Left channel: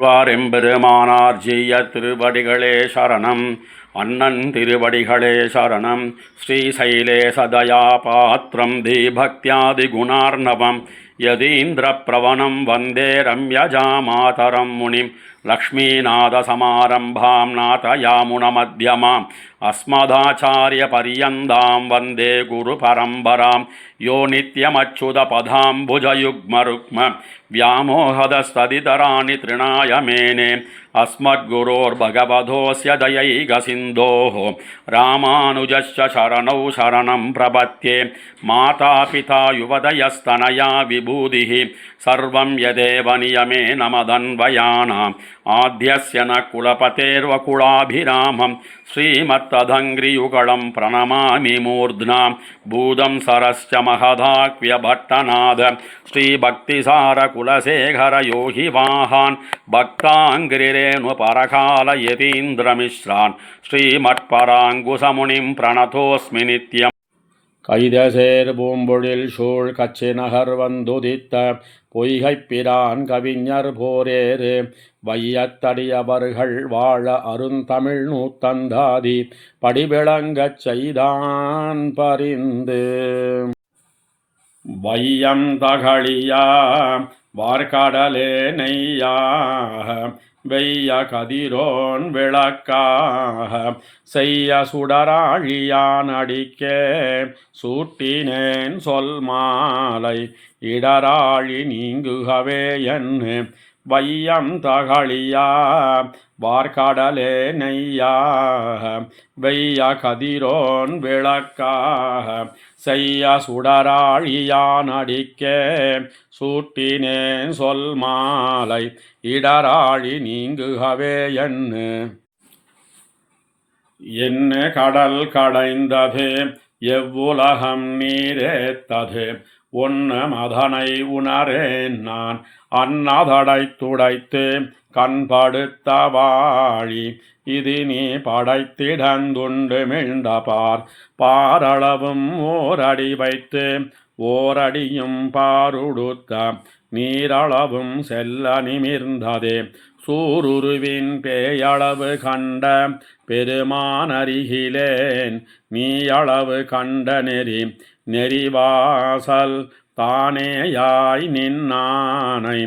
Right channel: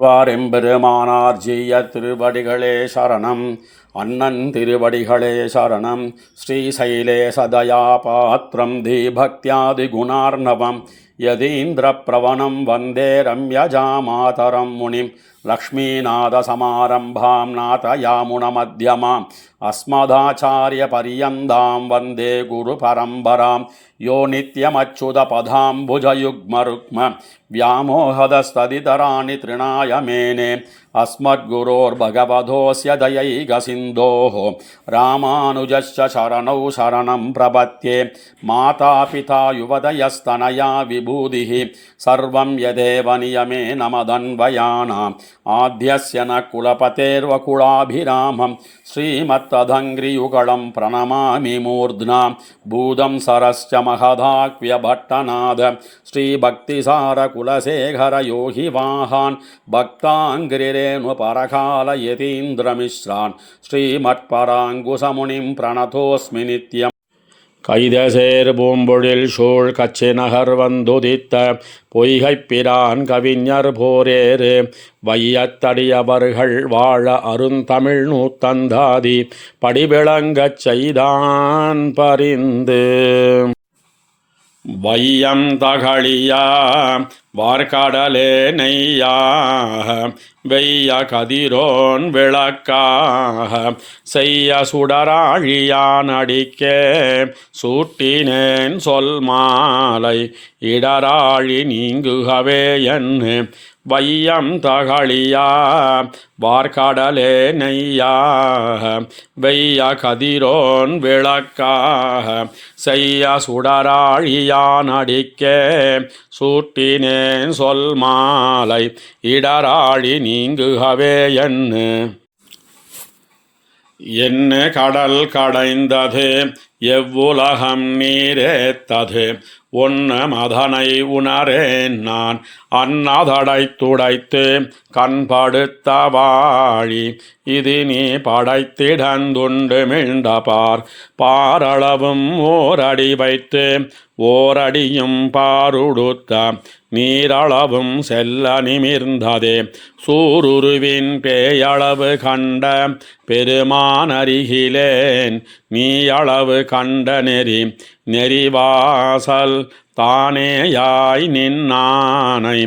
வாரெம்பெருமானார் ஜீய திருவடிகளே சரணம். அண்ணன் திருவடிகளே சரணம். ஸ்ரீசைலே சதயா பாத்திரம் தீபக்தியாதி குணார்ணவம் யதீந்திர பிரவணம் வந்தே ரம்யஜா மாதரம் முனிம் லக்ஷ்மீநாதசமாரம்பாம் நாதயாமுனமத்யமாம் அஸ்மதாச்சாரிய பரியந்தாம் வந்தே குரு பரம்பராம் யோ நித்யமச்சுதபதாம்புஜயுக்மருக்ம व्यामोहदस्तदितराणि तृणाय मेने अस्मद्गुरोर्भगवतोऽस्य दयैकसिन्धोः रामानुजस्य शरणौ शरणं प्रपद्ये मातापिता युवतयस्तनया विभूतिः सर्वं यदेव नियमेन मदन्वयानाम् आद्यस्य न कुलपतेर्वकुलाभिरामं श्रीमत्तदङ्घ्रियुगलं प्रणमामि मूर्ध्ना भूतं सरश्च महदाक्व्यभट्टनाद श्रीभक्तिसार कुलशेखर योहि वाहान् भक्ताङ्घ्रिरेणु परकाल यतीन्द्रमिश्रान् श्रीमत्पराङ्कुशमुनिं प्रणतोऽस्मि नित्यम् கைதசேர் பூம்பொழில் சூழ் கச்சி நகர் வந்துதித்த பொய்கைப்பிரான் கவிஞர் போரேறு வையத்தடியவர்கள் வாழ அருந்தமிழ் நூத்தந்தாதி படிவிளங்கச் செய்தான் பரிந்து வையம் தகழியா வார்கடலே நெய்யாக வெய்ய கதிரோன் விளக்காக செய்ய சுடராழியான் அடிக்கே சூட்டினேன் சொல் மாலை இடராழி நீங்குகவே என்று வையம் தகழியா வார்கடலே நெய்யாக வெய்ய கதிரோன் விளக்காக செய்ய சுடராழியான் அடிக்கே சூட்டினேன் சொல் மாலை இடராழி நீங்குகவே என்ன கடல் கடைந்தது எவ்வுலகம் நீரேத்தது ஒன்ன மதனை உணரேன் நான் அன்னதடை துடைத்து கண்படுத்த வாழி இது நீ படைத்திடந்துண்டு மிழ்ந்தபார் பாரளவும் ஓரடி வைத்து ஓரடியும் பாருடுத்த நீரளவும் செல்ல நிமிர்ந்ததே சூருருவின் பேயளவு கண்ட பெருமானருகிலேன் நீயளவு கண்ட நெறி நெறிவாசல் தானேயாய் நின்னானை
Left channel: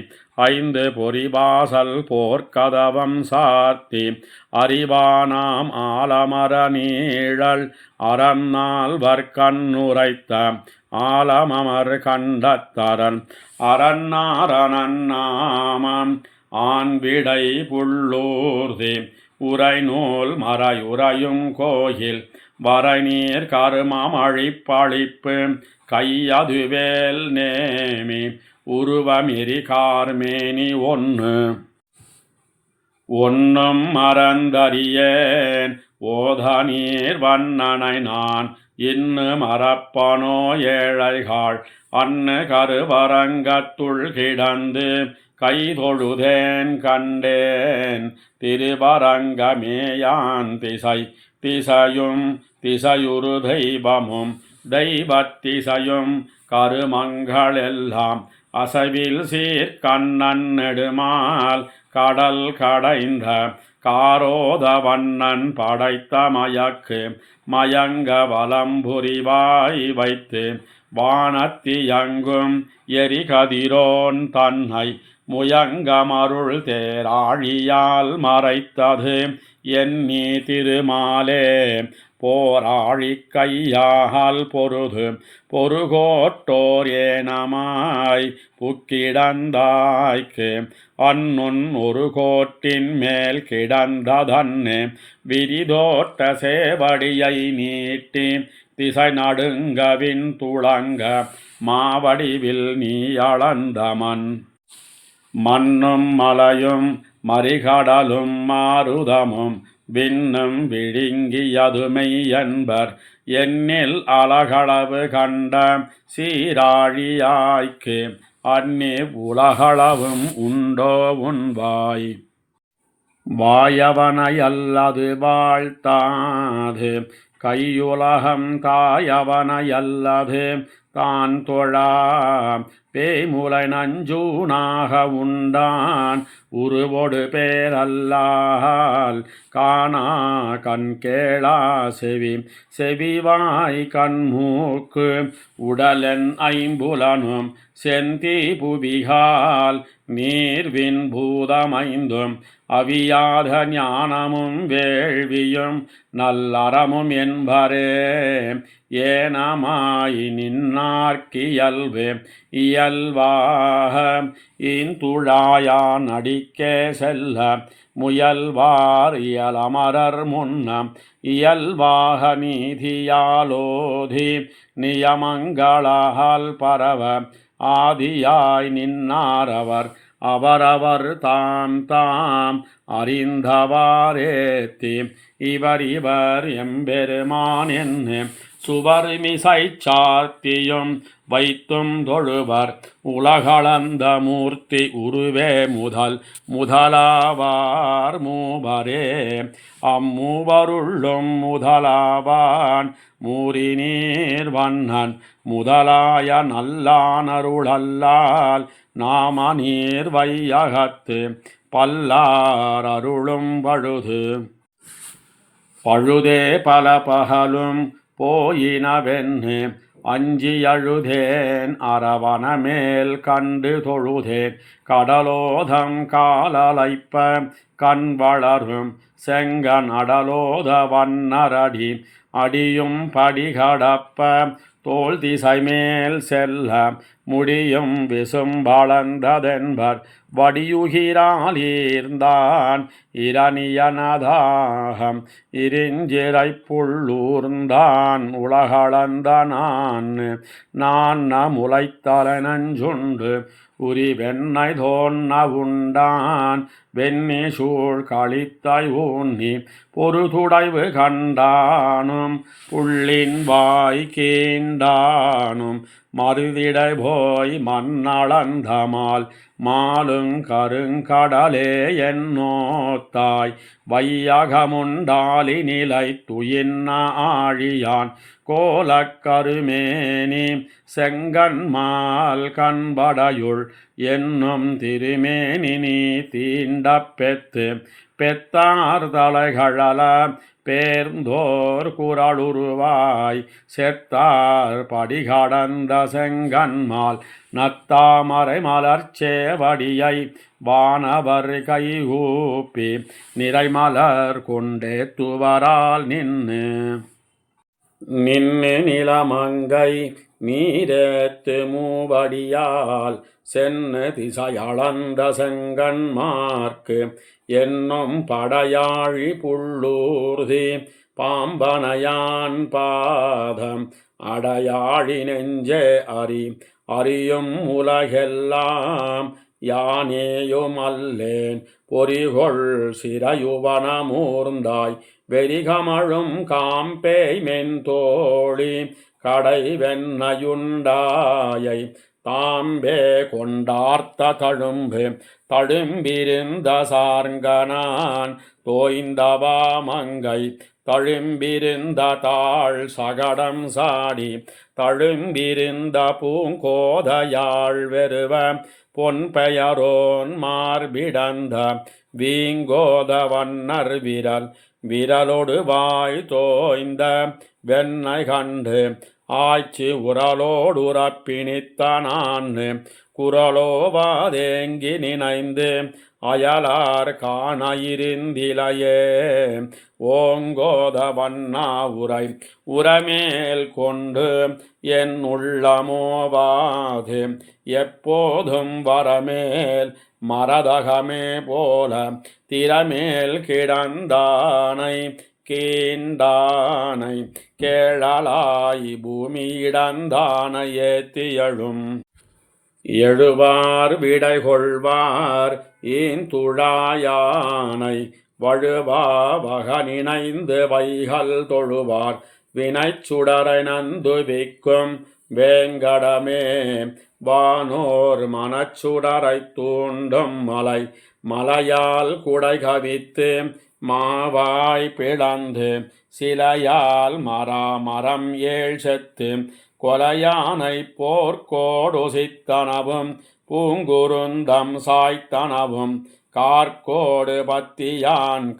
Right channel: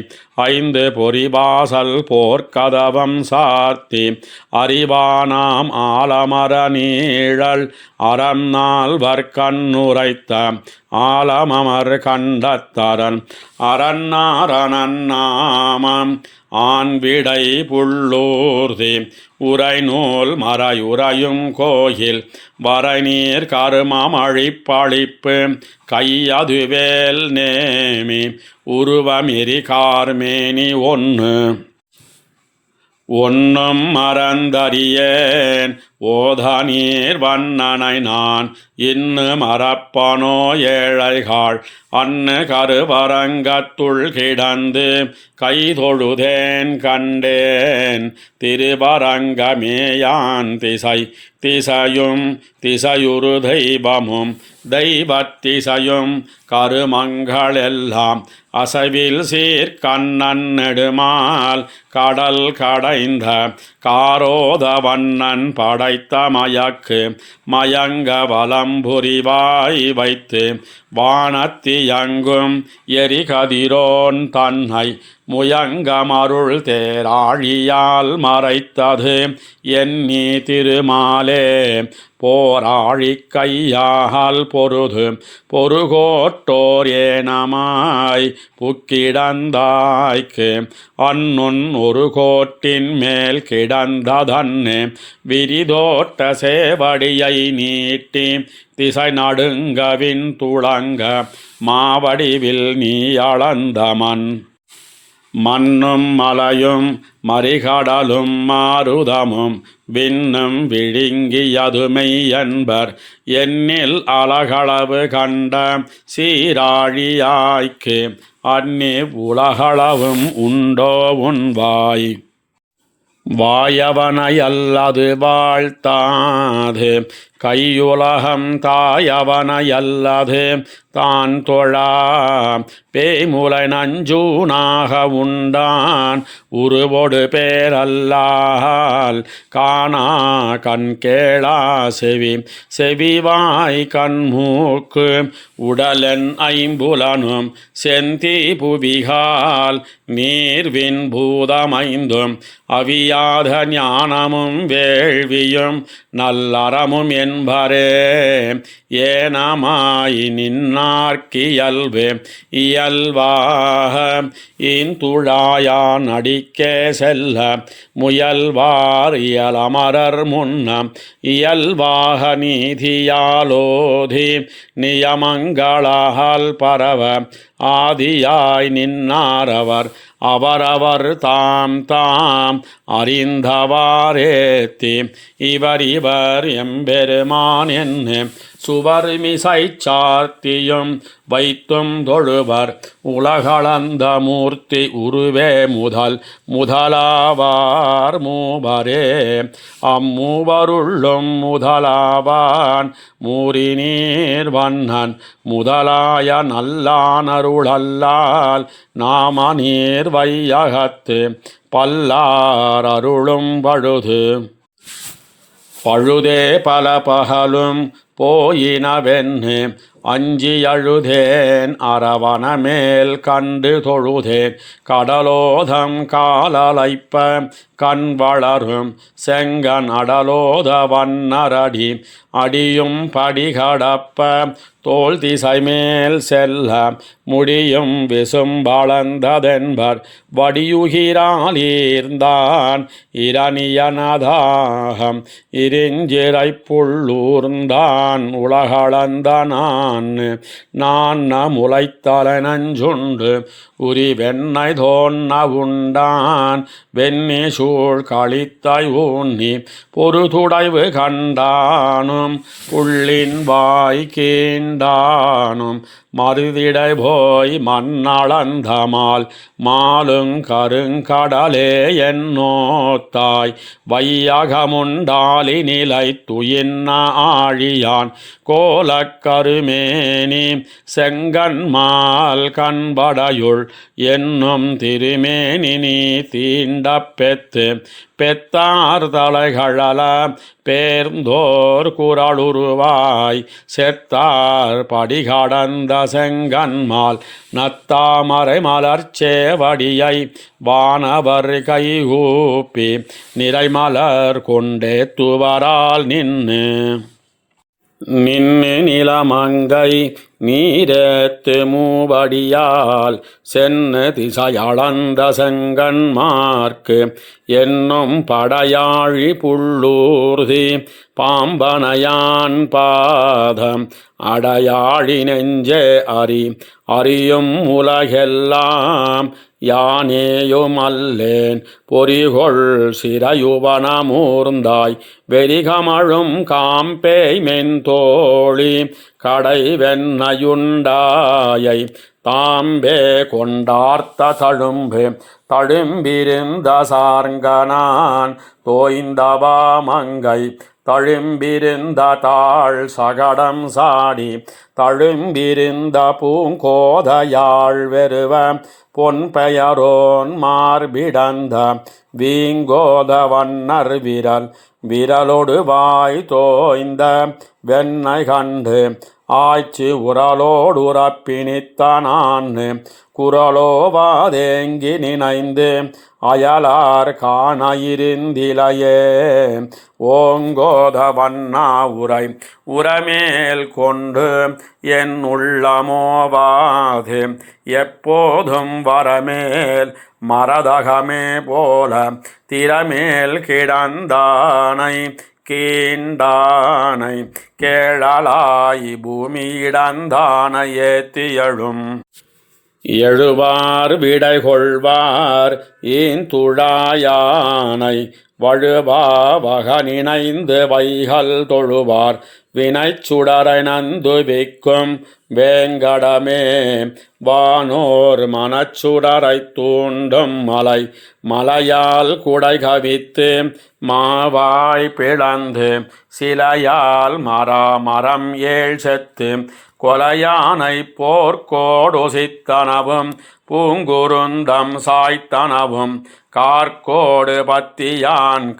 ஐந்து பொறிவாசல் போர்க்கதவம் சாத்தி அறிவானாம் ஆலமர நீழல் அறம் நால்வர் கண்ணுரைத்த ஆலமமர் கண்டத்தரன் அரண்ணாரணாமம் ஆண்விடை புள்ளூர்தி உரைநூல் மறையுறையும் கோயில் வரைநீர் கருமமழிப்பழிப்பு கையதுவேல் நேமி உருவமிரி கார்மேனி ஒன்னும் மறந்தறியேன் ஓதநீர் வண்ணனை நான் இன்னு மறப்பனோ ஏழைகாள் அன்னு கருவரங்கத்துள் கிடந்து கைதொழுதேன் கண்டேன் திருவரங்கமேயான் திசை திசையும் திசையுறு தெய்வமும் தெய்வத்திசையும் கருமங்களெல்லாம் அசைவில் சீர்கண்ணன் நெடுமால் கடல் கடைந்த காரோதவண்ணன் படைத்த மயக்கு மயங்க வலம்புரிவாய் வைத்து வானத்தியங்கும் எரிகதிரோன் தன்னை முயங்கமருள் தேராழியால் மறைத்தது எண்ணி திருமாலே போராழி கையால் பொருது பொருகோட்டோர் ஏனமாய் புக்கிடந்தாய்க்கு அன்னுன் ஒரு கோட்டின் மேல் கிடந்ததன்னு விரிதோட்ட சேவடியை நீட்டி திசை நடுங்கவின் துளங்க மாவடிவில் நீ அளந்த மண்ணும் மலையும் மறிகடலும் மாருதமும் விண்ணும் விழுங்கியதுமை என்பர் எண்ணில் அலகளவு கண்ட சீராழியாய்க்கு அன்னி உலகளவும் உண்டோ உன்வாய் வாயவனையல்லது வாழ்த்தாது கையுலகம் தாயவனையல்லது தான் தொழா பேய்முலை நஞ்சூனாக உண்டான் உருவொடு பேரல்லால் காணா கண் கேளா செவி செவிவாய் கண்மூக்கு உடலன் ஐம்புலனும் செந்தி புவிகால் நீர்வின் பூதமைந்தும் அவியாத ஞானமும் வேள்வியும் நல்லறமும் என்பரே ஏனமாய் நின்னார்க்கியல்வே இயல்வாக இந்துழாயான் அடிக்கே செல்ல முயல்வார் இயலமரர் முன்னம் இயல்வாக நீதியாலோதி நியமங்களால் பரவ ஆதியாய் நின்னாரவர் அவரவர் தாம் தாம் அறிந்தவாரேத்தி இவர் எம்பெருமான் என்ன சுவர்மிசை சார்த்தியும் வைத்தும் தொழுவர் உலகளந்த மூர்த்தி உருவே முதலாவார் மூவரே அம்மூவருள்ளும் முதலாவான் மூரிநீர் வண்ணன் முதலாய நல்லானருளல்லால் நாம நீர் வையகத்து பல்லார் அருளும் பழுதே பல பகலும் போயினவென்னு அஞ்சி அழுதேன் அரவண மேல் கண்டு தொழுதேன் கடலோதம் காலலைப்ப கண் வளரும் செங்கன் அடலோத வண்ணரடி அடியும் படிகடப்ப தோல் திசை மேல் செல்ல முடியும் விசும் வளர்ந்ததென்பர் வடியுகிறாலீர்ந்தான் இரணியனதாகம் இருஞ்சிறை புள்ளூர்ந்தான் உலகளந்த நான் முளைத்தலை நஞ்சுண்டு உரி வெண்ணை தோன்ன உண்டான் வெண்ணி சூழ் கழித்தாய் ஊன்னி பொறுதுடைவு கண்டானும் புள்ளின் வாய் கீண்டானும் மருதிடை போய் மண்ணளந்தமால் மாலுங் கருங்கடலே என்னோத்தாய் வையகமுண்டாலி நிலை துயின்ன ஆழியான் கோலக்கருமேனி செங்கன்மால் கண்படையுள் என்னும் திருமேனி நீ தீண்ட பெத்தார் தலைகளல பேர்ந்தோர் குரலுருவாய் செத்தார் படிகடந்த செங்கன்மால் நத்தாமரை மலர்ச்சேவடியை வானவர் கைகூப்பி நிறைமலர் கொண்டே துவரால் நின்று நிலமங்கை நீரேத்து மூவடியால் சென்னு திசையளந்த செங்கன்மார்க்கு என்னும் படையாழி புள்ளூர்தி பாம்பனையான் பாதம் அடையாழி நெஞ்சே அறியும் உலகெல்லாம் யானேயுமல்லேன் பொறிகொள் சிறையுவனமூர்ந்தாய் வெறிகமழும் காம்பேய் மென்தோழி கடை வெண்ணையுண்டாயை தாம்பே கொண்டார்த்த தழும்பிருந்த சார்ங்கனான் தோய்ந்தவாமங்கை தழும்பிருந்த தாழ் சகடம் சாடி தழும்பிருந்த பூங்கோதையாழ் வெறுவ பொன் பெயரோன் மார்பிடந்த வீங்கோத வண்ணர் விரலொடு வாய் தோய்ந்த வெண்ணை கண்டு ஆய்ச்சி உரலோடுறப்பினித்தான் குரலோவாதேங்கி நினைந்து அயலார் காண இருந்திலையே ஓங்கோத வண்ணா உரமேல் கொண்டு என் உள்ளமோவாது எப்போதும் வரமேல் மரதகமே போல திறமேல் கிடந்தானை கீண்டானை கேழலாய் பூமியிடந்தானை ஏத்தியழும் எழுவார் விடை கொள்வார் ஈந்துழாயானை வழுவாவக நினைந்து வைகள் தொழுவார் வினைச்சுடரை நந்துவிக்கும் வேங்கடமே. வானோர் மனச்சுடரை தூண்டும் மலை மலையால் குடை கவித்து மாவாய் பிளந்து சிலையால் மரம் ஏழ் செத்து கொலையானை போர்க்கோடுசித்தனவும் பூங்குருந்தம் சாய்த்தனவும் கார்கோடு பத்தியான்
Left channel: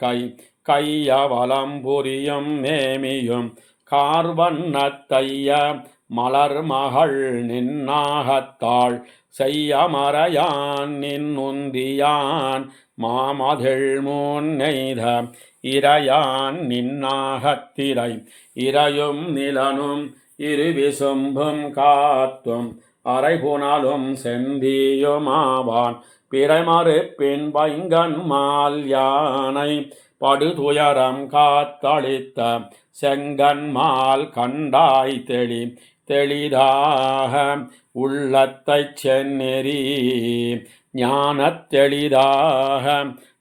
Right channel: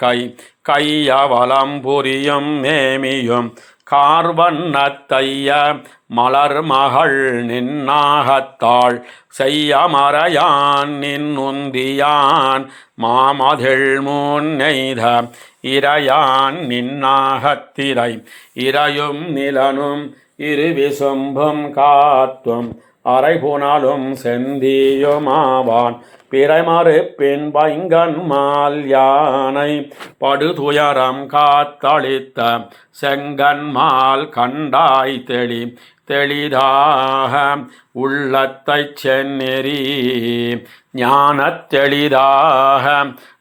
கையவலம் புரியும் நேமியும் கார்வண்ணத்தைய மலர்மகள் நின்னாகத்தாள் செய்யமறையான் நின்னுந்தியான் மாமதிள் முன்னெய்த இறையான் நின்னாகத்திரை இறையும் நிலனும் இருவிசும்பும் காத்தும் அரைபுணலும் செந்தியுமாவான் பிறைமறுப்பின் பைங்கன்மால் யானை படுதுயரம் காத்தளித்த செங்கன்மால் கண்டாய் தெளிதாக உள்ளத்தைச் செந்நெறி ஞானத் தெளிதாக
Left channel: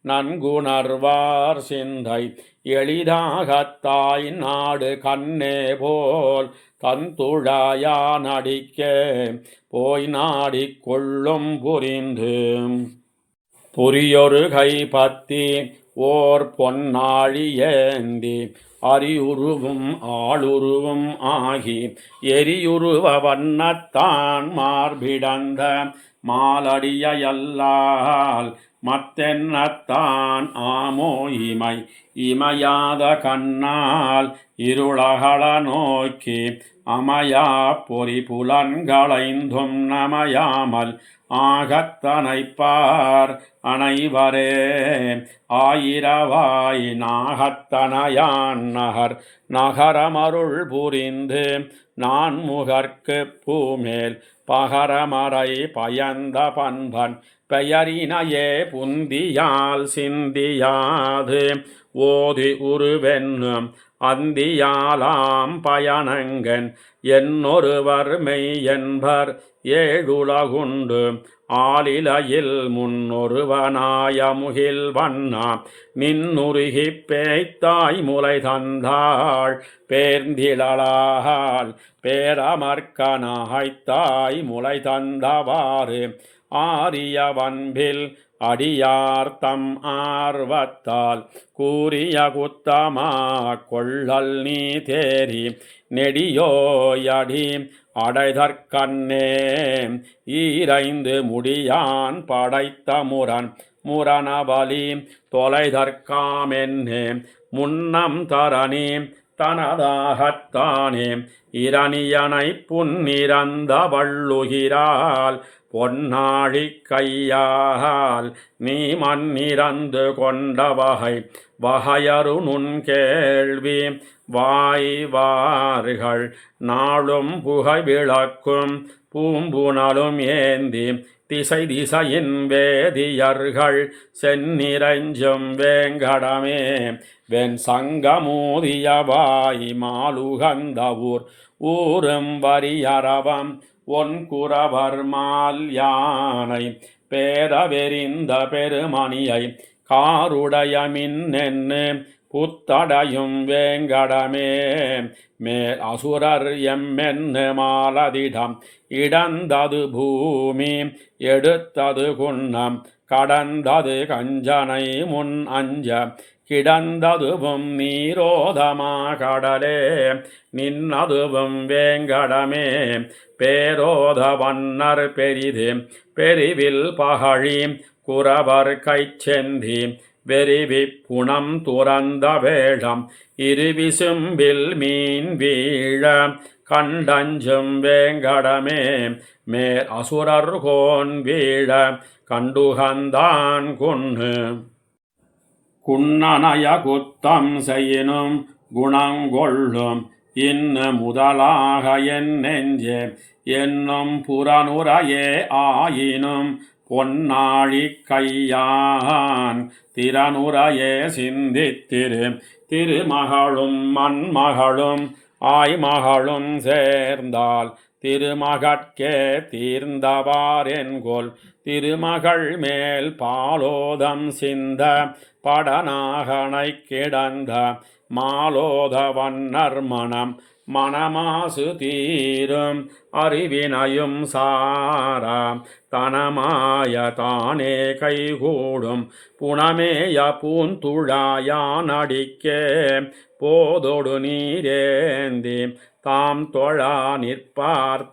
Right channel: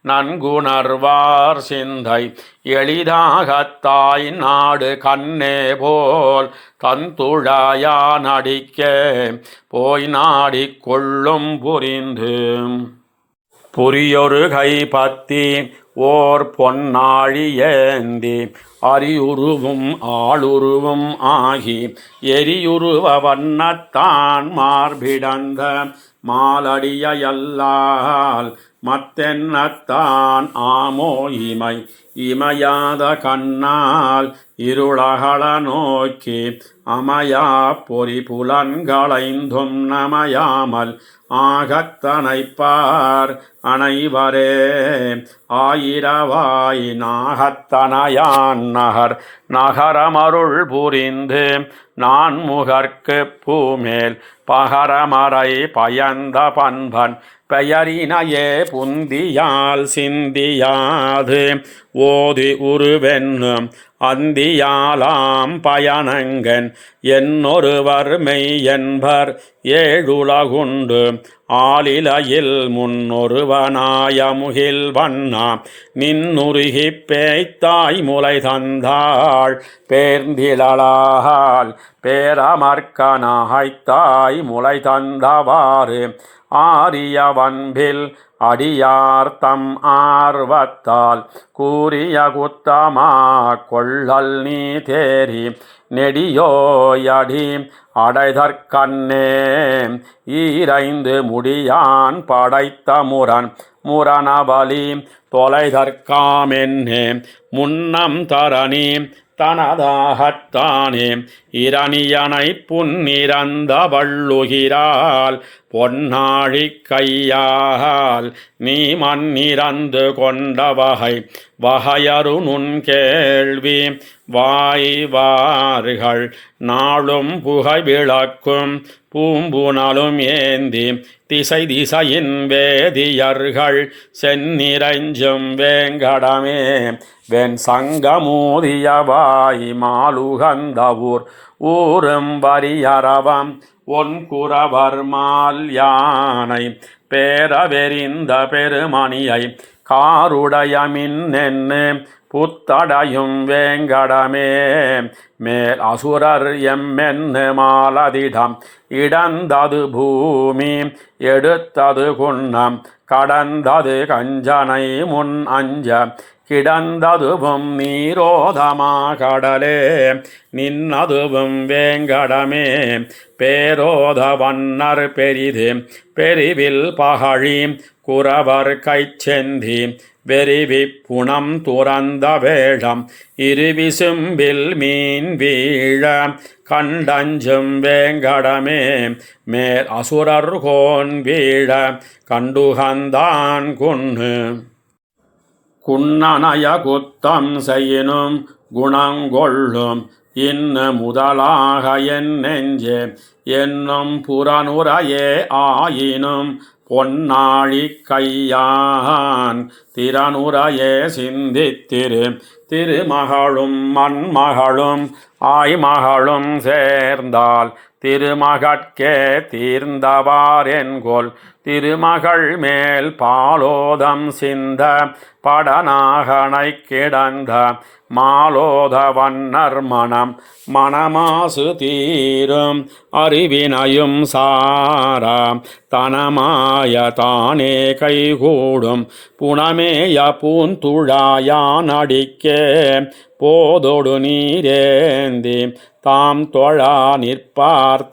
நன்குணர்வார் சிந்தை எளிதாகத்தாய் நாடு கண்ணே போல் தந்துழாயானடிக்கே போய் நாடிக் கொள்ளும் புரியொரு கைப்பத்தி ஓர் பொன்னாழி ஏந்தி அரியுருவும் ஆளுருவும் ஆகி எரியுருவ வண்ணத்தான் மார்பிடந்த மாலடியல்லால் மத்தென்னத்தான் ஆமோ இமையாத கண்ணால் இருளகள நோக்கி அமையா பொறி புலன்களைந்தும் நமையாமல் ஆகத்தனைப்பார் அனைவரே. ஆயிரவாய் நாகத்தனையான் நகரமருள் புரிந்து நான் முகர்க்கு பூமேல் பகரமறை பயந்த பண்பன் பெயரினையே புந்தியால் சிந்தியாது ஓதி உருவென்னும் அந்தியாலாம் பயனங்கன் என்னொருவர் மெய் என்பர் ஏழுலகுண்டு ஆலிலையில் முன்னொருவனாய முகில் வண்ணா நின்னுருகிப் பேய்த்தாய் முலை தந்தாள் பேர்ந்திழலால் பேரமர்க்கனாய்த்தாய் முலை தந்தவாறு ஆரிய வன்பில் அடியார்த்தம் ஆர்வத்தால் கூறிய குத்தமா கொள்ளல் நீ தேரி நெடியோயடி அடைதற்கண்ணே ஈரைந்து முடியான் படைத்த முரணபலி தொலைதற்காமென்னே முன்னம் தரணி தனதாகத்தானே இரணியனை புன்னிறந்த வள்ளுகிறாள் பொன்னாழி கையால் நீ மண்ணிறந்து கொண்ட வகையரு நுண் கேள்வி வாய்வார்கள் நாளும் புகை விளக்கும் பூம்புணலும் ஏந்தி திசையின் வேதியர்கள் செந்நிறைஞ்சும் வேங்கடமே. வெண் சங்கமூதியவாய் மாலுகந்த ஊரும் வரியரவம் ஒன்குறவர் மால் யானை பேரவெறிந்த பெருமணியை காருடைய மின்னென்னு புத்தடையும் வேங்கடமே. மேல் அசுரர் எம்மென்னு மாலதிடம் இடந்தது பூமி எடுத்தது குன்னம் கடந்தது கஞ்சனை முன் அஞ்ச கிடந்ததுவும் நீரோதமா கடலே நின்னதுவும் வேங்கடமே. பேரோத வண்ணர் பெரிவில் பகழி குறவர் கைச்செந்தி வெறிவி புனம் துறந்த வேழம் இருவிசும்பில் மீன் வீழ கண்டஞ்சும் வேங்கடமே. மேல் அசுரர் கோன் வீழ கண்டுகந்தான் குன்னனைய குத்தம் செய்யினும் குணங்கொள்ளும் இன்னு முதலாக என் நெஞ்சே என்னும் புறனுரையே ஆயினும் பொன்னாழி கையான் திறனுரையே திருமகளும் மண்மகளும் ஆய்மகளும் சேர்ந்தால் திருமகட்கே தீர்ந்தவாரென்கொல் திருமகள் மேல் பாலோதம் சிந்த படநாகனை கிடந்த மாலோத வண்ணர் மனமாசு தீரும் அறிவினையும் சாரா தனமாய தானே கைகூடும் புனமேய பூந்துழாயானடிக்கே போதொடு நீரேந்தி தாம் தொழா நிற்பார்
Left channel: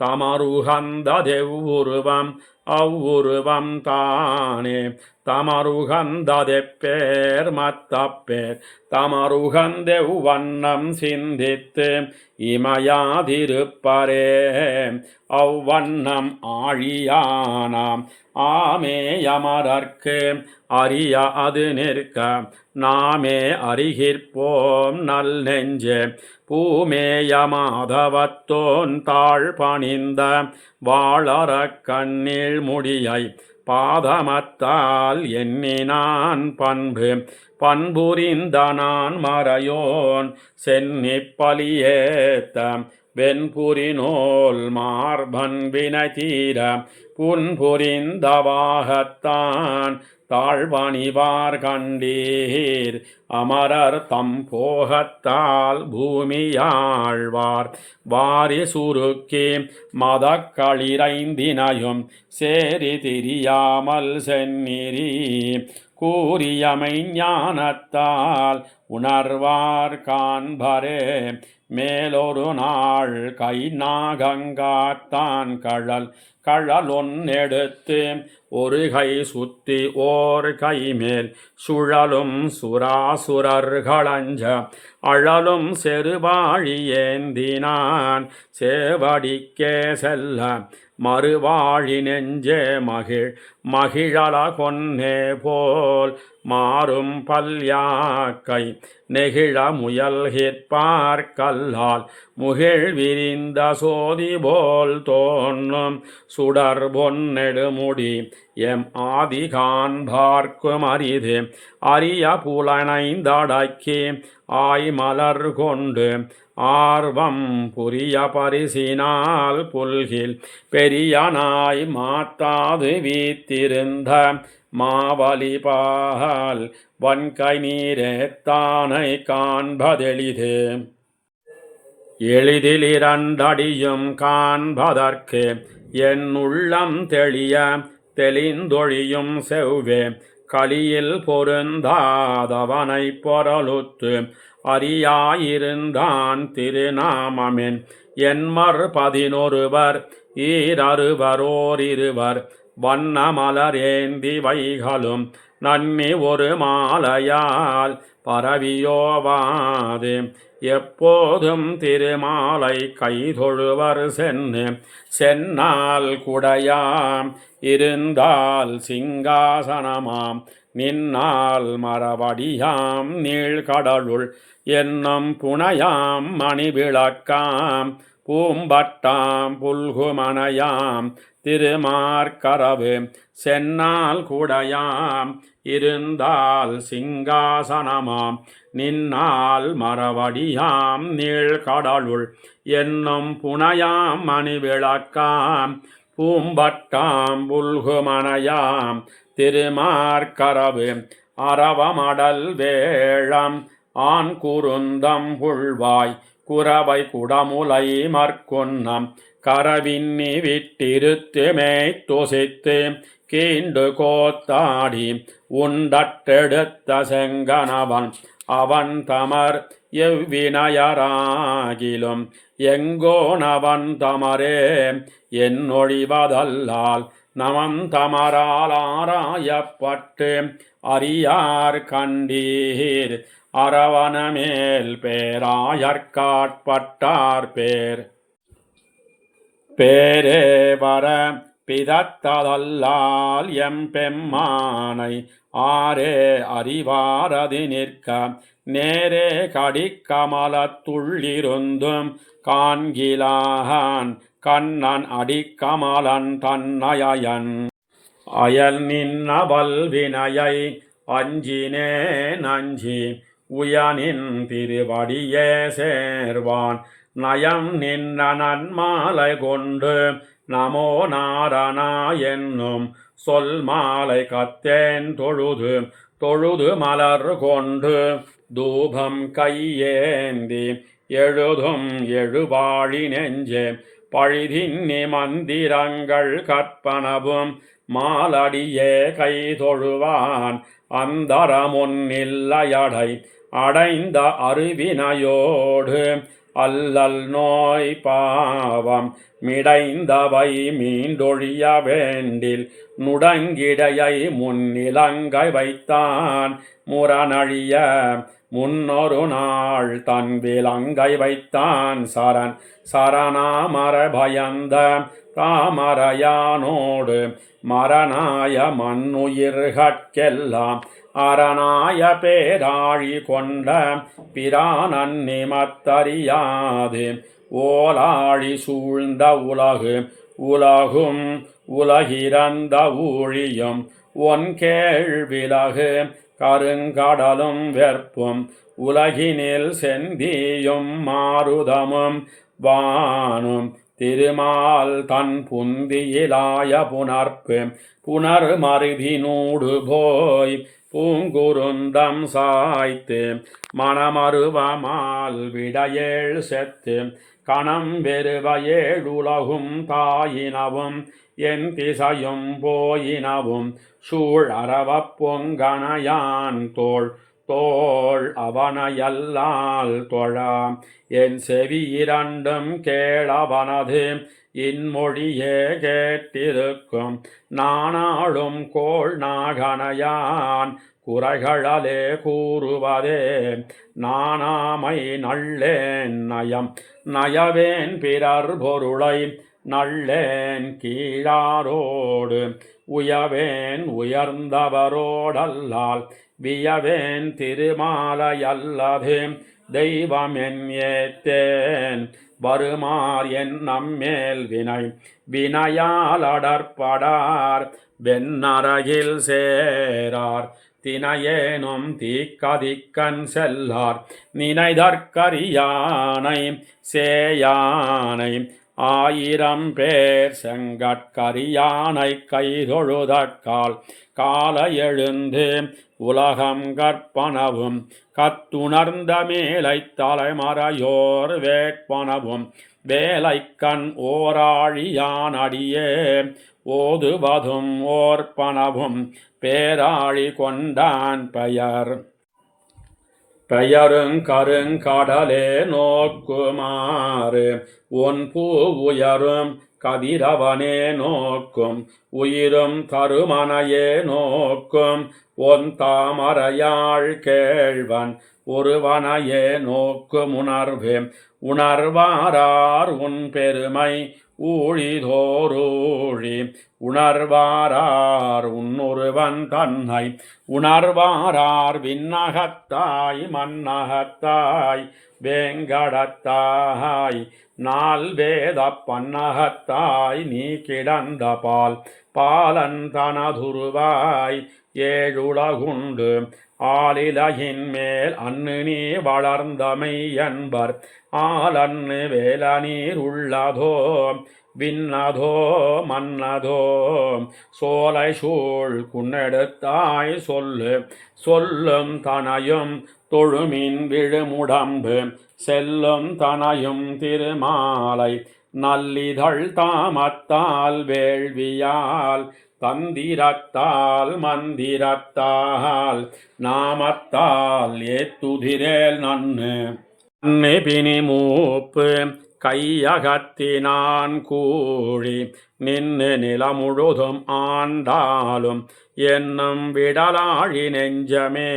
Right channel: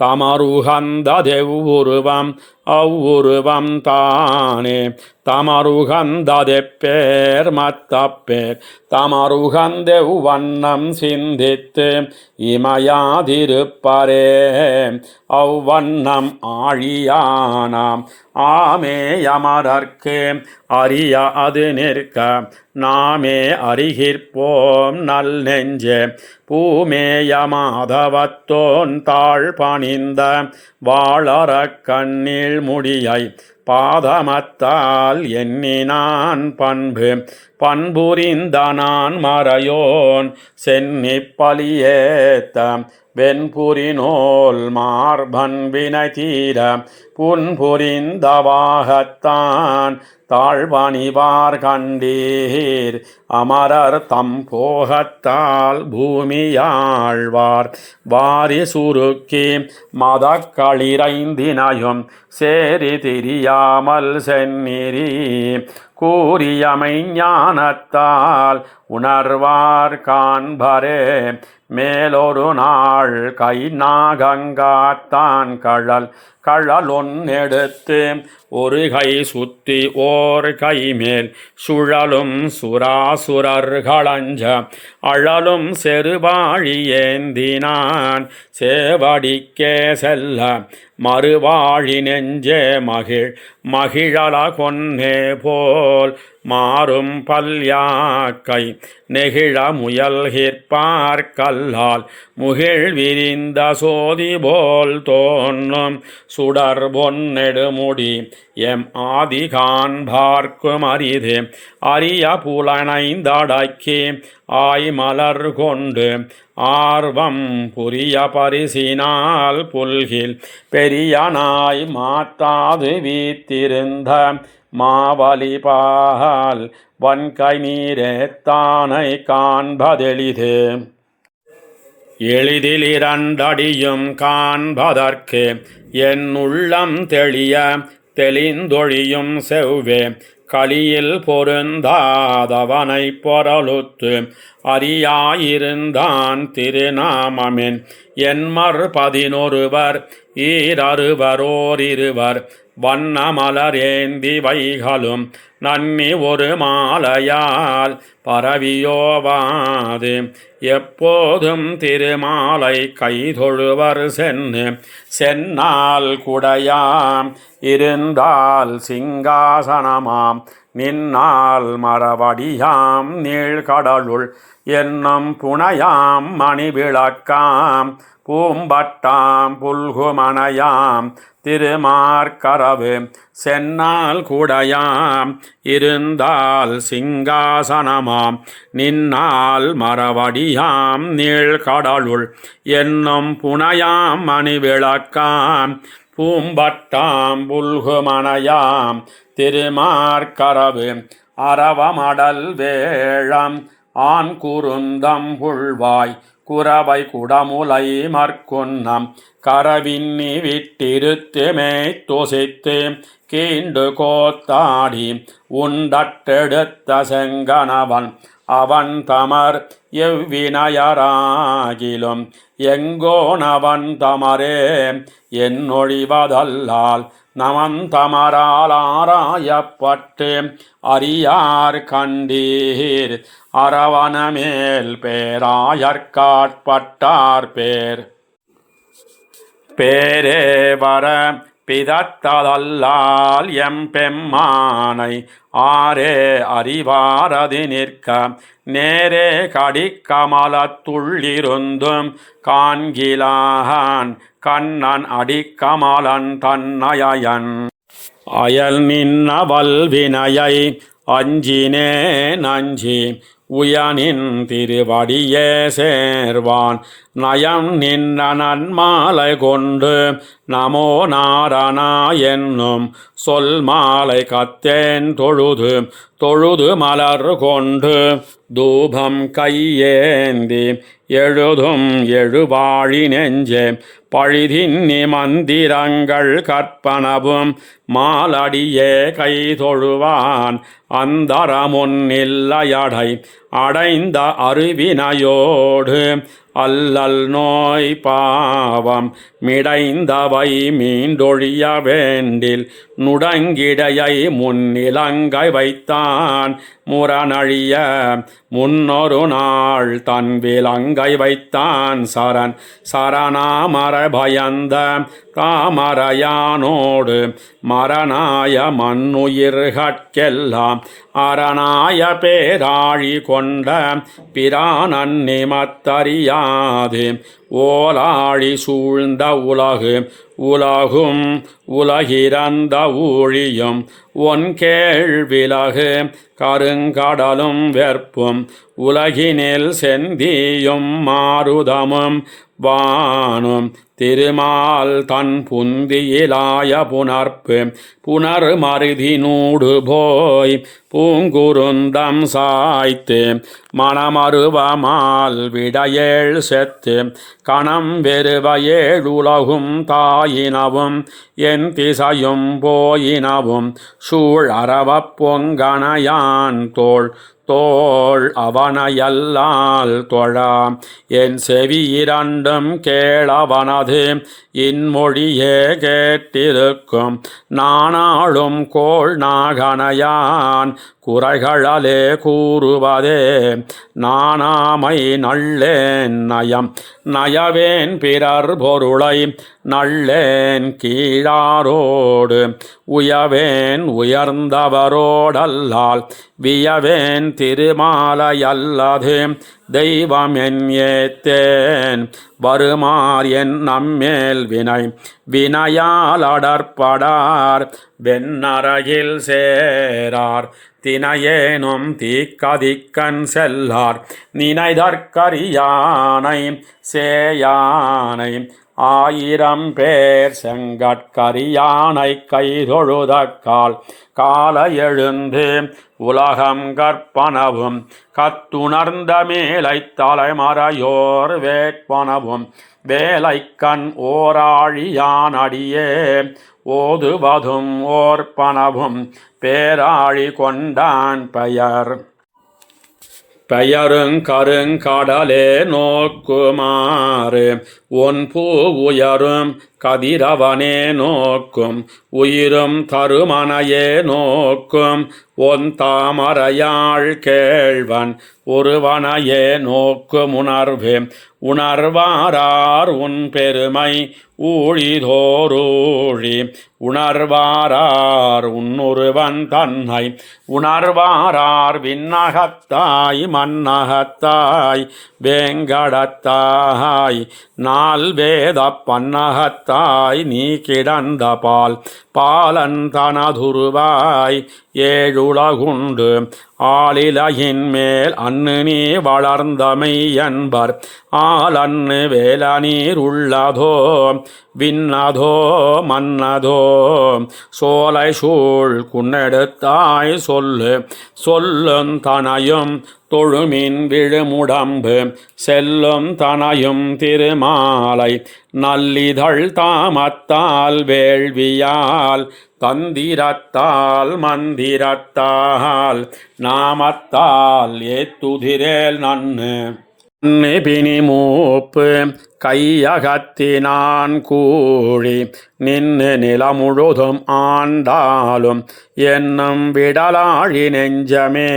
தமருகந்ததெவ்வுருவம் அவ்வுருவம் தானே தமருகந்ததெப்பேர் மத்தப்பேர் தமருகந்தெவ்வண்ணம் சிந்தித்து இமையாதிருப்பரே அவ்வண்ணம் ஆழியானாம் ஆமேயமரர்க்கு அறிய அது நிற்க நாமே அறிகிற்போம் நல் நெஞ்சே பூமேயமாதவத்தோன் தாழ் பணிந்த வாழறக் கண்ணில் முடியை பாதமத்தால் எண்ணினான் பண்புரிந்த நான் மறையோன் சென்னிப்பலியேத்த வெண்புரிநோல் மார்பன் வினை தீர புன்புரிந்தவாகத்தான் தாழ்வணிவார் கண்டீர் அமரர் தம் போகத்தால் பூமியாழ்வார் வாரி சுருக்கி மதக்களிரைந்தினையும் சேரி திரியாமல் செந்நிறி கூறியமை ஞானத்தால் உணர்வார் காண்பரே மேலொரு நாள் கை நாகங்காத்தான் கழலொன்னெடுத்து ஒரு கை சுத்தி ஓர் கை மேல் சுழலும் சுராசுரர்களஞ்ச அழலும் செருவாழி ஏந்தினான் சேவடிக்கே செல்ல மறுவாழி நெஞ்சே மகிழல கொன்னே போல் மாறும் பல்யாக்கை நெகிழ முயல்கிற்பார் கல்லால் முகிழ் விரிந்த சோதி போல் தோன்றும் சுடர் பொன்னெடுமுடி எம் ஆதி காண்பார்க்கும் அரிது அரிய புலனைந்தடக்கி ஆய்மலர் கொண்டு ஆர்வம் புரிய பரிசினால் புல்கில் பெரியனாய் மாத்தாது வீத்திருந்த மாவலிபால் வன்கை நீரேத்தானை காண்பதெளிது எளிதில் இரண்டடியும் காண்பதற்கு என் உள்ளம் தெளிந்தொழியும் செவ்வே களியில் பொருந்தாதவனை பொருளுத்து அறியாயிருந்தான் திருநாமமென் என்மர் 11 ஈரருவரோரிருவர் வண்ணமலர் ஏந்தி வைகளும் நன்னி ஒரு மாலையால் பரவியோவாது எப்போதும் திருமாலை கைதொழுவர் சென்னால் குடையாம் இருந்தால் சிங்காசனமாம் நின்னால் மரவடியாம் நீழ்கடலுள் என்னும் புனையாம் மணிவிளக்காம் பூம்பட்டாம் புல்குமனையாம் திருமார்கரவு சென்னால் குடையாம் இருந்தால் சிங்காசனமாம் நின்னால் மரவடியாம் நீழ்கடலுள் என்னும் புனையாம் மணிவிளக்காம் பூம்பட்டாம் புல்குமனையாம் திருமார்கரவு அரவமடல் வேழம் ஆண் குருந்தம் புள்வாய் குரவை குடமுலை மற்கொன்னம் கரவின்னி விட்டிருத்து மேய்த்தொசித்து கீண்டு கோத்தாடி உண்டட்டெடுத்த செங்கனவன் அவன் தமர் எவ்வினையராகிலும் எங்கோனவன் தமரே என்னொழிவதல்லால் நமந்தமரால் ஆராயப்பட்டு அறியார் கண்டீர் அரவணமேல் பேராயற்காட்பட்டார் பேரே வர பிதத்ததல்லால் எம்பெம்மானை ஆரே அறிவாரது நிற்க நேரே கடிக்கமலத்துள்ளிருந்தும் காண்கிலான் கண்ணன் அடிக்கமலன் தன்னயன் அயல் நின்னவல் வினையை அஞ்சினே நஞ்சி உயனின் திருவடியே சேர்வான் நயம் நின்ன நன்மாலை கொண்டு நமோ நாரணா என்னும் சொல் மாலை கத்தேன் தொழுது தொழுது மலர் கொண்டு தூபம் கையேந்தி எழுதும் எழுவாழி நெஞ்சே பழிதின்னி மந்திரங்கள் கற்பனவும் மாலடியே கை தொழுவான் அந்தரமுன்னில்லையடை அடைந்த அருவினையோடு அல்லல் நோய் பாவம் மிடைந்தவை மீண்டொழிய வேண்டில் நுடங்கிடையை முன்னிலங்கை வைத்தான் முரணழிய முன்னொரு நாள் தன் விலங்கை வைத்தான் சரண் சரணாமர பயந்த தாமரையானோடு மரணாய மண்ணுயிர்கட்கெல்லாம் அரணாய பேராழி கொண்ட பிரானன் நிமத்தறியாது ஓலாழி சூழ்ந்த உலகு உலகும் உலகிறந்த ஊழியும் ஒன் கேள்விலகு கருங்கடலும் வெற்பும் உலகினில் செந்தியும் மாருதமும் வானும் திருமால் தன் புந்தியிலாய புணர்ப்பு புனர் மருதினூடு போய் பூங்குருந்தம் சாய்த்து மணமருவமால் விடையேழ் செத்து கணம் வெறுவையேழுலகும் தாயினவும் என் திசையும் போயினவும் சூழ் அறவப் பொங்கனையான் தோள் தோள் அவனையல்லால் தொழா என் செவி இரண்டும் கேளவனது இன்மொழியே கேட்டிருக்கும் நானாளும் கோள் நாகனையான் குறைகளே கூறுவதே நானாமை நள்ளேன் நயம் நயவேன் பிறர் பொருளை நள்ளேன் கீழாரோடு உயவேன் உயர்ந்தவரோடல்லால் வியவேன் திருமாலையல்லது தெய்வம் என் ஏத்தேன் வருமார் என் நம்மேல் வினை வினையால் அடற்படார் வெண்ணறையில் சேரார் தினையேனும் தீக்கதிக்கண் செல்லார் நினைதற்கரியானை சேயானை ஆயிரம் பேர் செங்கட்கரியானை கைதொழுதக்கால் கால எழுந்து உலகம் கற்பனவும் கத்துணர்ந்த மேலை தலைமறையோர் வேட்பனவும் வேலைக்கண் ஓராழியான் அடியே ஓதுவதும் ஓர்ப்பனவும் பேராழி கொண்டான் பெயருங்கருங்கடலே நோக்குமாறு ஒன் பூ உயரும் கதிரவனே நோக்கும் உயிரும் தருமனையே நோக்கும் ஒன் தாமரையாள் கேழ்வன் ஒருவனையே நோக்கும் உணர்வு உணர்வாரார் உன் பெருமை ஊழிதோரூழி உணர்வாரார் உன்னொருவன் தன்னை உணர்வாரார் விண்ணகத்தாய் மன்னகத்தாய் வேங்கடத்தாய் நால் வேத பன்னகத்தாய் நீ கிடந்த பால் பாலன் தனதுருவாய் ஏழுலகுண்டு ஆளிலையின் மேல் அன்னு நீ வளர்ந்தமை என்பர் ஆலன்னு வேல நீர் உள்ளதோ விண்ணதோ மன்னதோ சோலை சூழ் குன்னெடுத்தாய் சொல்லு சொல்லும் தனையும் தொழுமின் விழுமுடம்பு செல்லும் தனையும் திருமாலை நல்லிதழ் தாமத்தால் வேள்வியால் தந்திரத்தால் மந்திரத்தால் நாமத்தால் ஏத்துதிரேல் நன்னு பிணி மூப்பு கையகத்தினான் கூழி நின்னு நிலமுழுதும் ஆண்டாலும் என்னும் விடலாழி நெஞ்சமே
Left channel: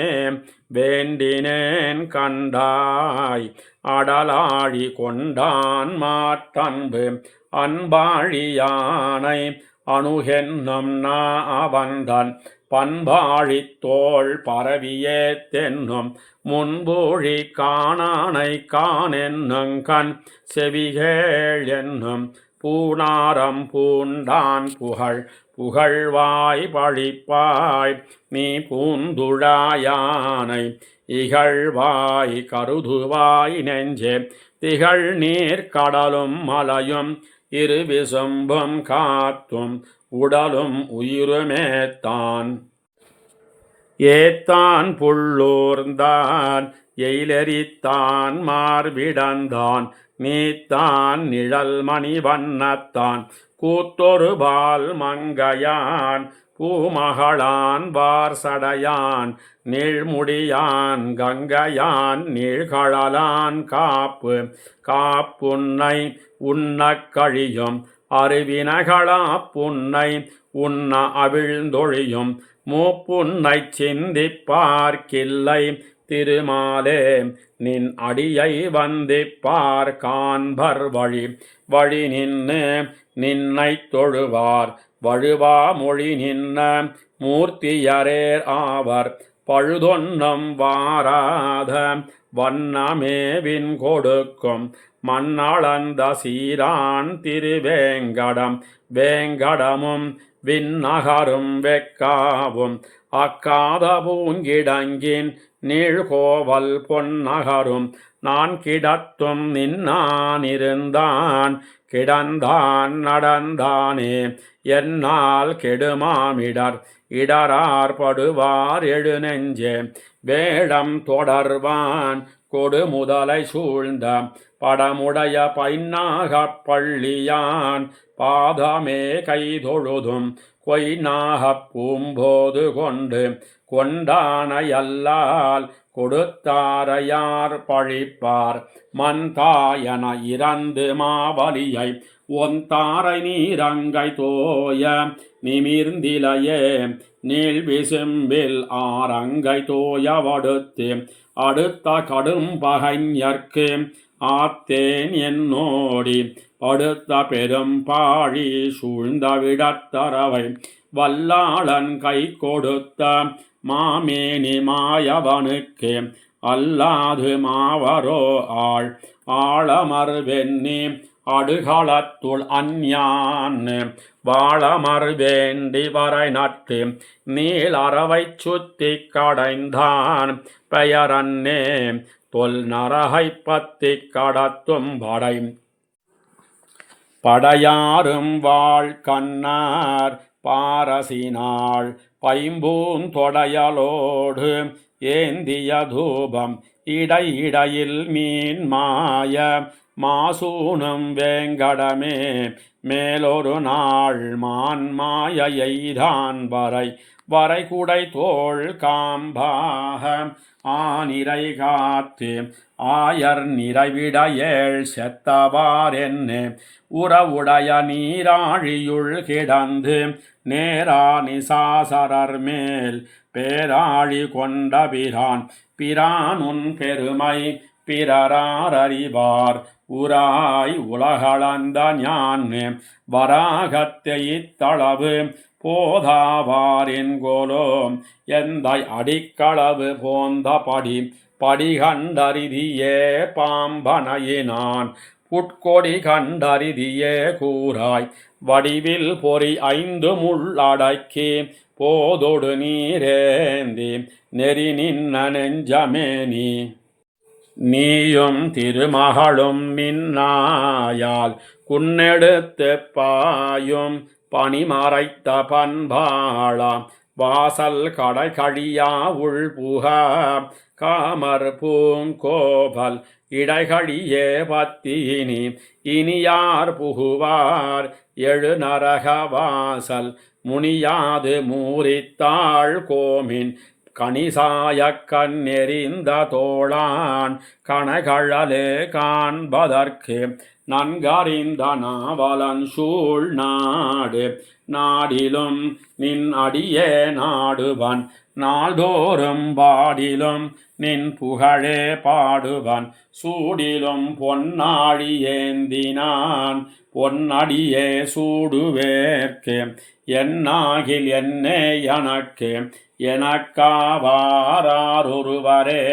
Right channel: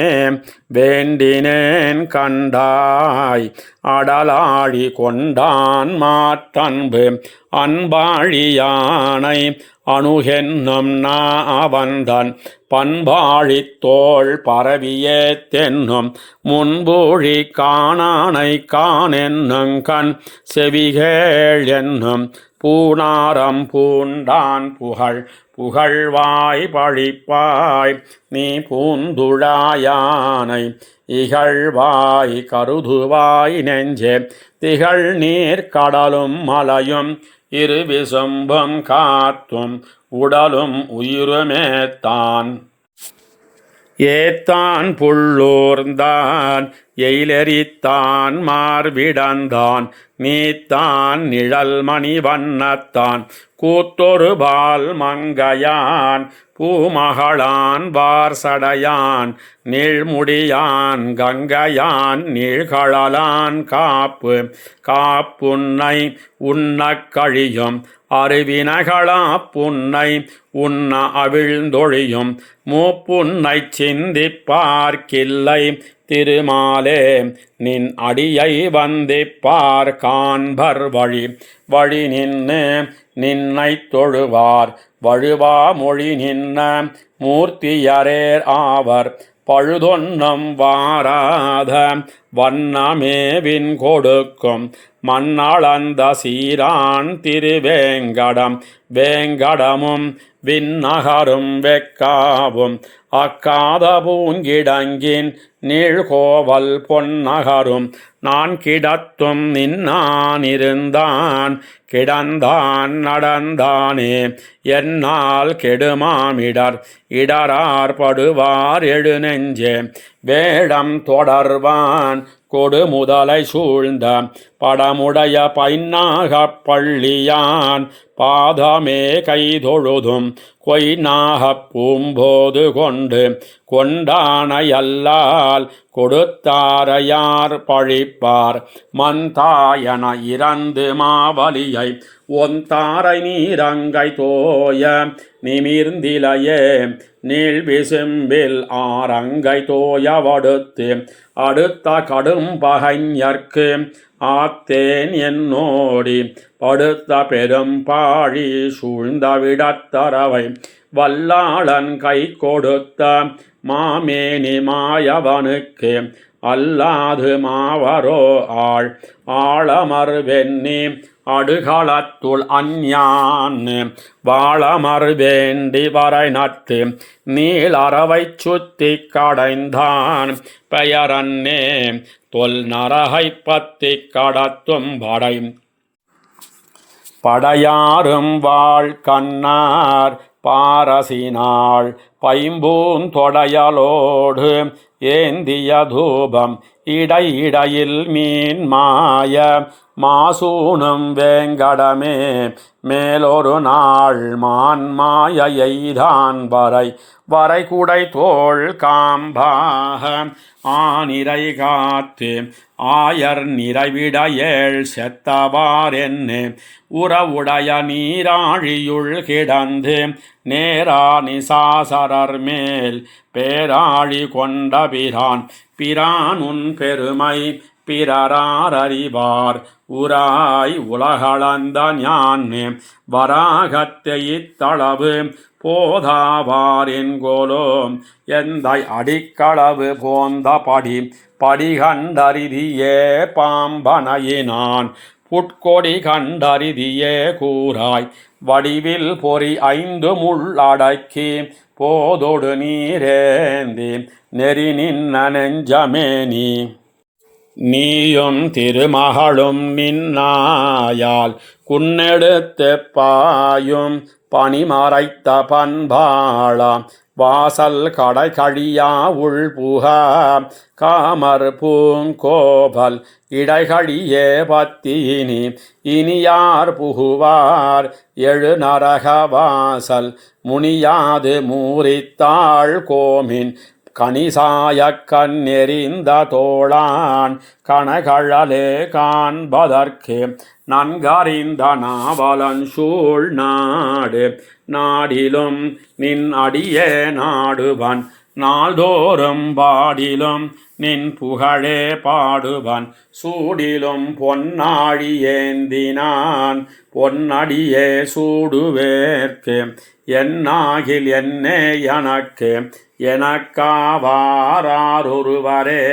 வேண்டினேன் கண்டாய் அடலாழி கொண்டான் மாற்றன்பு அன்பாழியானை அணுகென்னும் அவன்தான் பண்பாழித் தோள் பரவியே தென்னும் முன்பூழி காணானை காணென்னும் கண் செவிகேள் என்னும் பூணாரம் பூண்டான் புகழ்வாய் பழிப்பாய் நீ பூந்துழாயானை இகழ்வாய் கருதுவாய் நெஞ்சே திகழ் நீர் கடலும் மலையும் இருவிசும்பும் காத்தும் உடலும் உயிருமேத்தான் ஏத்தான் புள்ளூர்ந்தான் எயிலெறித்தான் மார்பிடந்தான் நீத்தான் நிழல் மணி வண்ணத்தான் கூத்தொருபால் மங்கையான் பூமகளான் வார்சடையான் நீழ்முடியான் கங்கையான் நீழ்கழலான் காப்பு காப்புன்னை உண்ணக் கழியும் அருவினகளா புன்னை உண்ண அவிழ்ந்தொழியும் மூப்புன்னை சிந்திப்பார்க்கில்லை திருமாலே நின் அடியை வந்திப்பார் காண்பர் வழி வழி நின்று நின்னை தொழுவார் வழுவா மொழி நின்ன மூர்த்தியரேர் ஆவர் பழுதொன்னம் வாராத வண்ணமேவின் கொடுக்கும் மண்ணளந்த சீரான் திருவேங்கடம் வேங்கடமும் விண்ணகரும் வெக்காவும் அக்காத பூங்கிடங்கின் நீழ்கோவல் பொன்னகரும் நான் கிடத்தும் நின்னான் இருந்தான் கிடந்தான் நடந்தானே என்னால் கெடுமாமிடர் இடரார் படுவார் எழுநெஞ்சே வேடம் தொடர்வான் கொடு முதலை சூழ்ந்த படமுடைய பைன்னாகப் பள்ளியான் பாதமே கைதொழுதும் கொய்நாகப் பூம்போது கொண்டு கொண்டானையல்லால் கொடுத்தாரையார் பழிப்பார் மந்தாயன இறந்து மாவலியை ஒந்தாரை நீரங்கை தோய நிமிர்ந்திலையே நீள்விசும்பில் ஆரங்கை தோயவடுத்து அடுத்த கடும் பகைஞர்க்கு ஆத்தேன் என்னோடி படுத்த பெரும் பாழி சூழ்ந்த விடத்தரவை வல்லாளன் கை கொடுத்த மாமேனி மாயவனுக்கு அல்லாது மாவரோ ஆள் ஆழமர் வெண்ணி அடுகளத்துள் அஞ்ஞான் வாழமர் வேண்டி வரை நட்டு நீளறவை சுத்தி கடைந்தான் பெயரன்னே தொல் நரகை பத்தி கடத்தும் படை படையாரும் வாழ் கண்ணார் பாரசினாள் பைம்பூன் தொடையலோடு ஏந்திய தூபம் இடையிடையில் மீன் மாய மாசூனும் வேங்கடமே மேலொரு நாள் மான் மாய எய்தான் வரை வரை குடை தோள் காம்பாக ஆனிரை காத்து ஆயர் நிறைவிட ஏழ் செத்தவார் என்னே உறவுடைய நீராழியுள் கிடந்து நேரா நிசாசரர் மேல் பேராழி கொண்ட பிரான் பிரான் உன் பெருமை பிறராரறிவார் உராய் உலகளந்த ஞானே வராகத்தை இத்தளவு போதாவார் என்கோலோ எந்தை அடிக்களவு போந்த படி கண்டறிதியே பாம்பனையினான் புட்கொடி கண்டறிதியே கூறாய் வடிவில் பொறி 5 முள்ளடக்கி போதொடு நீரேந்தி நெறி நின்ன நெஞ்சமே நீயும் திருமகளும் நின்னாயால் குன்னெடுத்து பாயும் பனிமறைத்த பண்பாளாம் வாசல் கடை கழியா உள்புக காமர் பூங்கோபல் இடைகழியே பத்தினி இனியார் புகுவார் எழு நரக வாசல் முனியாது மூரித்தாள் கோமின் கணிசாய கண்ணெறிந்த தோளான் கணகழலே காண்பதற்கு நன்கறிந்த நாவலன் சூழ் நாடு நாடிலும் நின் அடியே நாடுவன் நாள்தோறும் பாடிலும் நின் புகழே பாடுவன் சூடிலும் பொன்னாழி ஏந்தினான் பொன்னடியே சூடுவேற்கு என்னாகில் என்னே எனக்கு எனக்காவாரொருவரே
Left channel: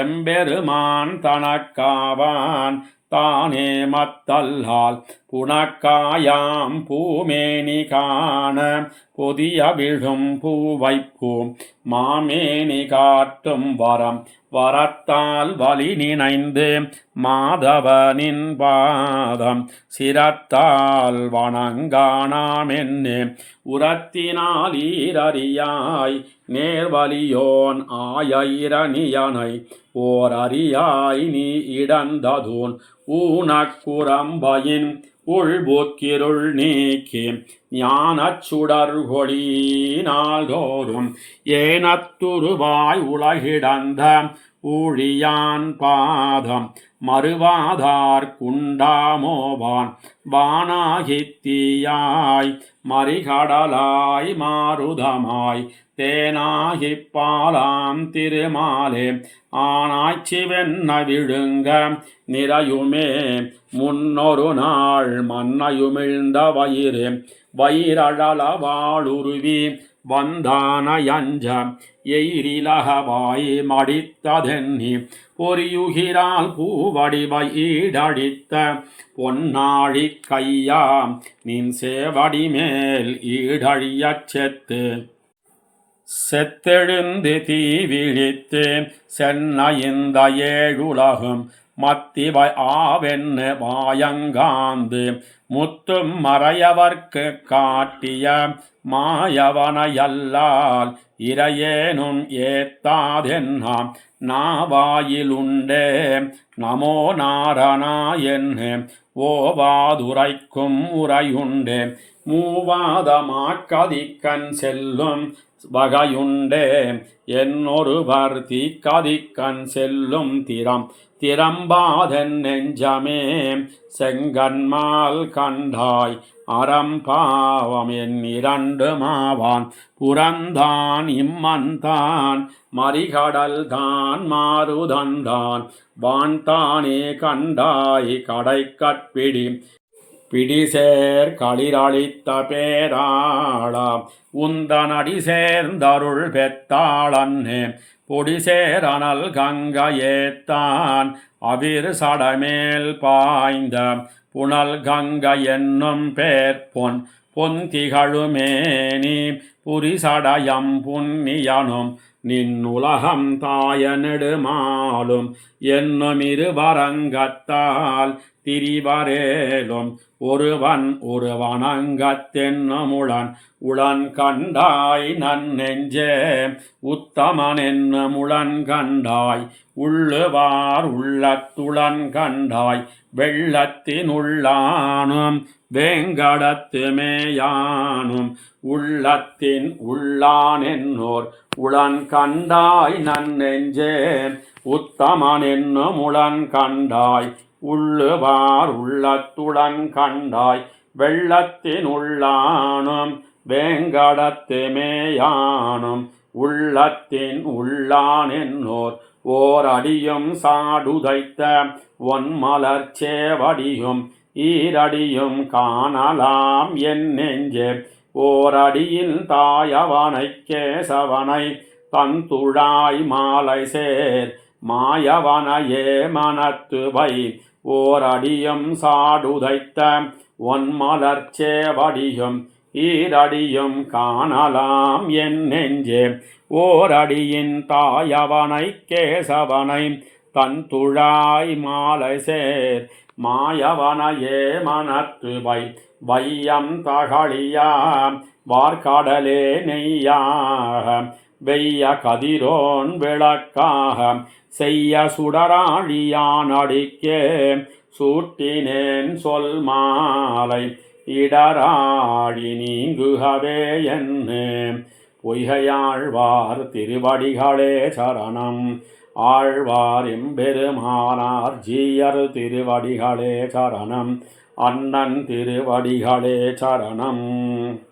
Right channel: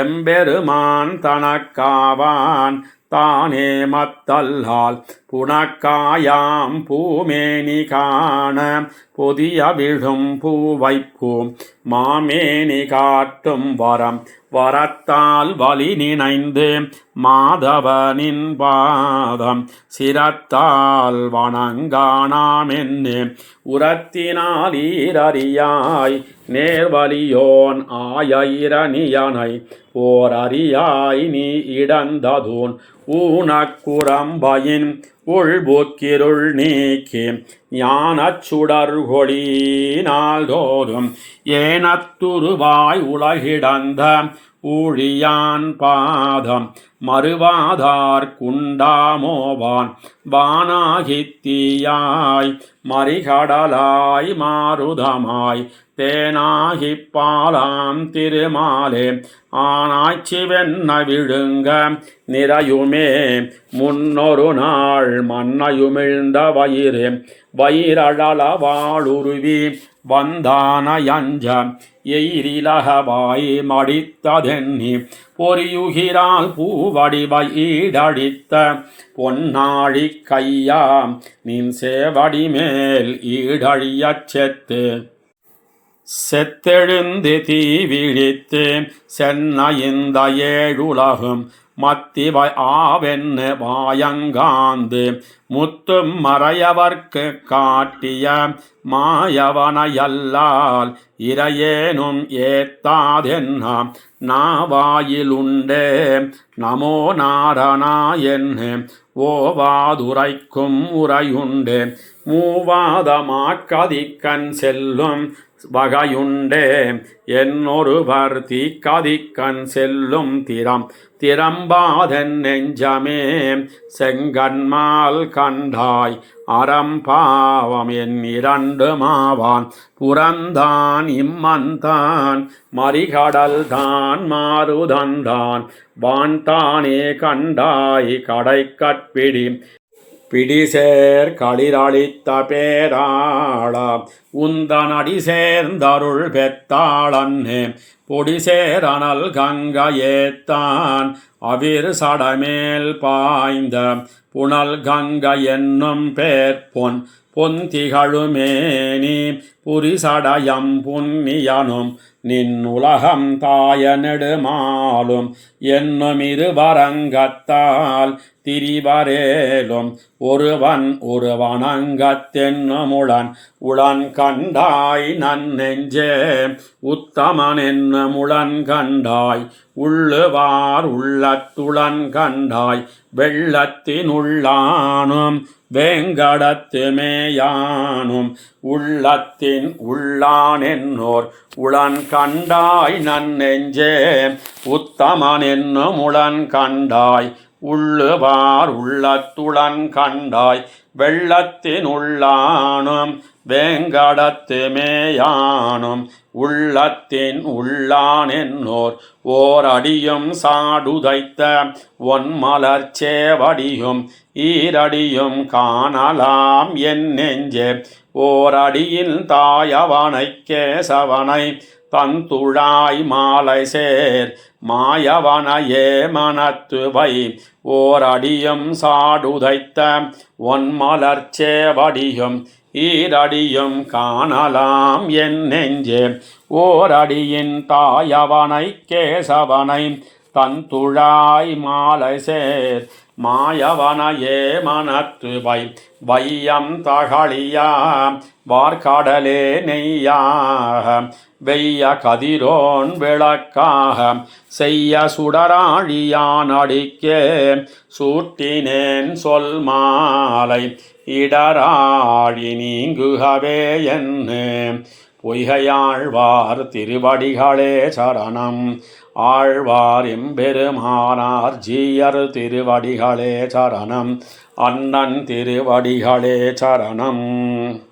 எம்பெருமான் தனக்காவான் தானே மத்தல்லால் புனக்காயாம் பூமேனி காண பொதிய விழும் பூவைப்பூம் மாமேனி காட்டும் வரம் வரத்தால் வலி நினைந்து மாதவனின் பாதம் சிரத்தால் வணங்கானாமென்னு உரத்தினால் ஈரறியாய் நேர்வலியோன் ஆயிரணியனை ஓர் அறியாய் நீ இடந்ததோன் ஊனக்குரம்பையின் உள்புக்கிருள் நீக்கி ஞானச் சுடர்கொடி நாள்தோறும் ஏனத்துருவாய் உலகிடந்த ஊழியான் பாதம் மறுவாதார் குண்டாமோவான் வானாகித்தீயாய் மறிகடலாய் மாருதமாய் தேனாகிப் பாலாம் திருமாலே ஆனாய்ச்சி வெண்ண விழுங்க நிறையுமே முன்னொரு நாள் மன்னையுமிழ்ந்த வயிரழல வாளுருவி வந்தானயஞ்ச எயிரிலகவாய் மடித்ததென்னி பொறியுகிறால் பூவடிவை ஈடழித்த பொன்னாழி கையா நின் சேவடி மேல் ஈடழியச் செத்தெழுந்து தீ விழித்து சென்ன இந்த ஏழுலகும் மத்திவை ஆவென்னு வாயங்காந்து முத்தும் மறையவர்க்கு காட்டிய மாயவனையல்லால் இறையேனும் ஏத்தாதென்னாம் நாவாயிலுண்டே நமோ நாரணா என்று ஓவாதுரைக்கும் உரையுண்டே மூவாதமாக்கதிக்கண் செல்லும் வகையுண்டே என்னொருவர் தீக்கதிக்கண் செல்லும் திறம்பாதென் நெஞ்சமே செங்கன்மால் கண்டாய் அறம்பாவம் என் இரண்டு மாவான் புறந்தான் இம்மந்தான் மறிகடல் தான் மாறுதந்தான் வான்தானே கண்டாய் கடைக்கட்பிடி பிடிசேர் களிரளித்த பேராளா உந்தனடி சேர்ந்தருள் பெத்தாளன்னே பொடிசேரனல் கங்கையேத்தான் அவிர் சடமேல் பாய்ந்த புனல் கங்கை என்னும் பேர்பொன் பொந்திகழுமேனி புரிசடயம் புண்ணியனும் நின் உலகம் தாய நெடுமாலும் என்னும் இருவரங்கத்தால் திரிவரேலும் ஒருவனங்கத்தென்னுமுளன் உளன் கண்டாய் நன்னெஞ்சே உத்தமன் என்னுமுளன் கண்டாய் உள்ளுவார் உள்ளத்துளன் கண்டாய் வெள்ளத்தினுள்ளானும் வேங்கடத்து மேயானும் உள்ளத்தின் உள்ளான் என்னோர் உளன் கண்டாய் நன்னெஞ்சே உத்தமன் என்னும் உளன் கண்டாய் உள்ளுவார் உள்ளத்துளன் கண்டாய் வெள்ளத்தின் உள்ளானும் வேங்கடத்து மேயானும் உள்ளத்தின் உள்ளான் என்னோர் ஓர் அடியும் சாடுதைத்த ஒன்மலர் சேவடியும் ஈரடியும் காணலாம் என் நெஞ்சே ஓர் அடியில் தாயவனை கேசவனை தந்துழாய் மாலை சேர் மாயவனையே மனத்துவை ஓர் அடியும் சாடுதைத்த ஒன்மலர் சேவடியும் ஈரடியும் காணலாம் என் நெஞ்சே ஓர் அடியின் தாயவனை கேசவனை தந்துழாய் மாலை சேர் மாயவனையே மனத்துவை வையம் தகழியா வார்கடலே நெய்யாக வெய்ய கதிரோன் விளக்காக செய்ய சுடராழியான் அடிக்கே சூட்டினேன் சொல் மாலை இடராழி நீங்குகவே என்ன பொய்கையாழ்வார் திருவடிகளே சரணம் ஆழ்வார் எம்பெருமானார் ஜீயர் திருவடிகளே சரணம் அண்ணன் திருவடிகளே சரணம்.